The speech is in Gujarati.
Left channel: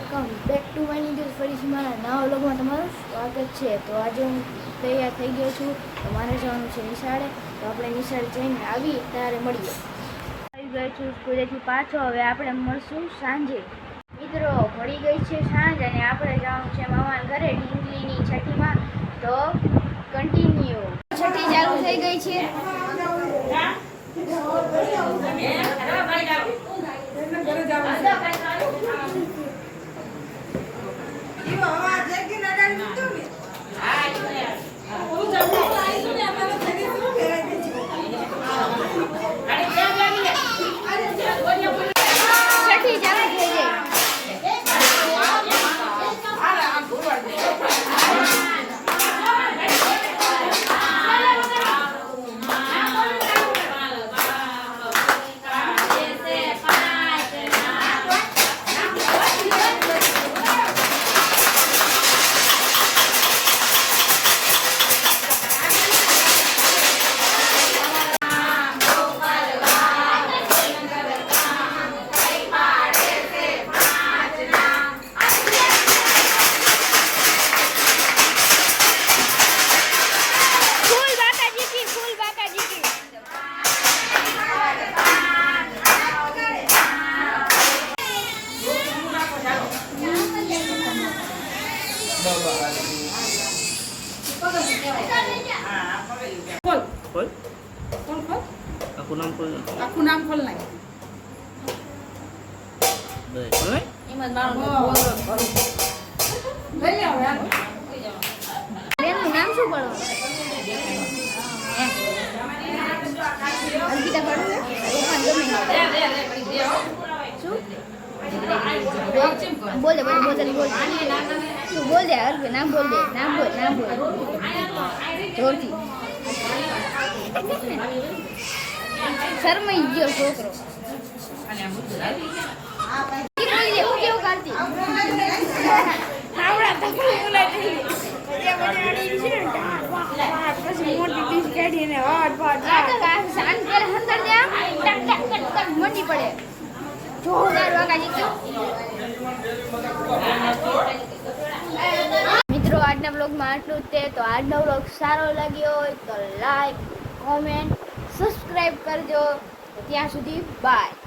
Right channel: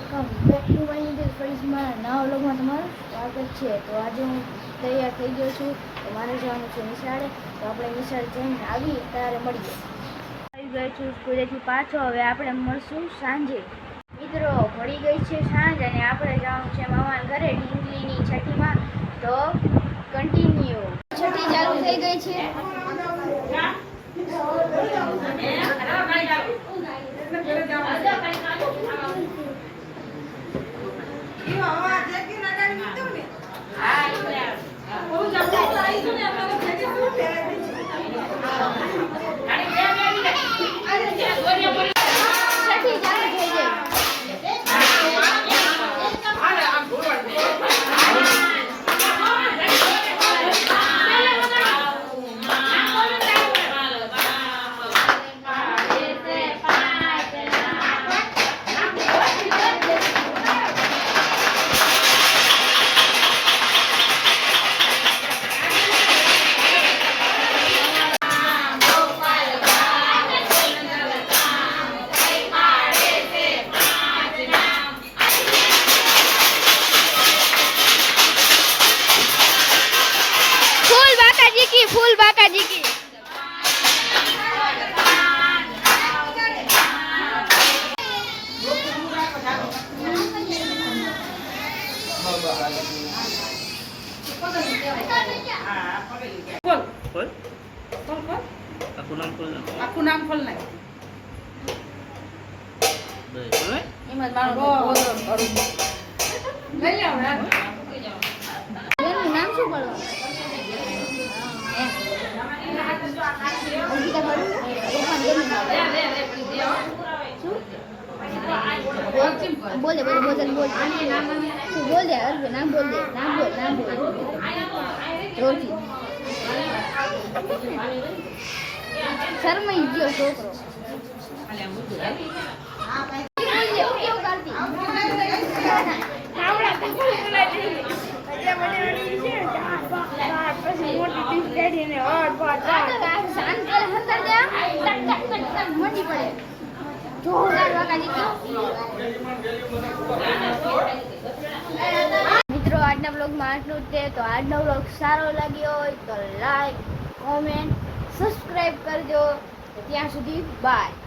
Welcome back to my YouTube ફરીથી મારા નવા વ્લોગમાં તમારું સ્વાગત છે। તો આજે હું તૈયાર થઈ ગયો છું, તો મારે જવાનું છે નિશાળે। તો આપણે નિશાળે જઈને આવીએ ત્યારે મળીએ। આવી ગયો છું સ્કૂલેથી પાછો, હવે આપણે મળશું સાંજે। મિત્રો પડી ગઈ છે સાંજ અને આપણે જવાનું છે મામાના ઘરે ઢીંગલીની છઠ્ઠીમાં। તો કન્ટિન્યુ। છઠ્ઠી ચાલુ થઈ ગઈ છે। फूल बाका जी की aku nam खोल नहीं નામ શું પડવાનું? बोल दे बोल बोल बोल तू बोल दे अर्घ नाम बोल दे नाम बोल जोर थी शर्माई गयो छोकरो बोल दे હું કેવું કરતી આવડા તો બોલાતી પછી મોટી ડીશ કાઢીને હટ ફટ આ તો શાંત કરે અંદર દે ટક ટક ટક ટક મંડી પડે જોરદાર વાકાજી ક્યો। મિત્રો આજના વ્લોગમાં આટલું જ છે। તો આજનો વ્લોગ સારો લાગ્યો હોય તો લાઈક, કોમેન્ટ, સબસ્ક્રાઇબ કરજો। તો ત્યાં સુધી બાય।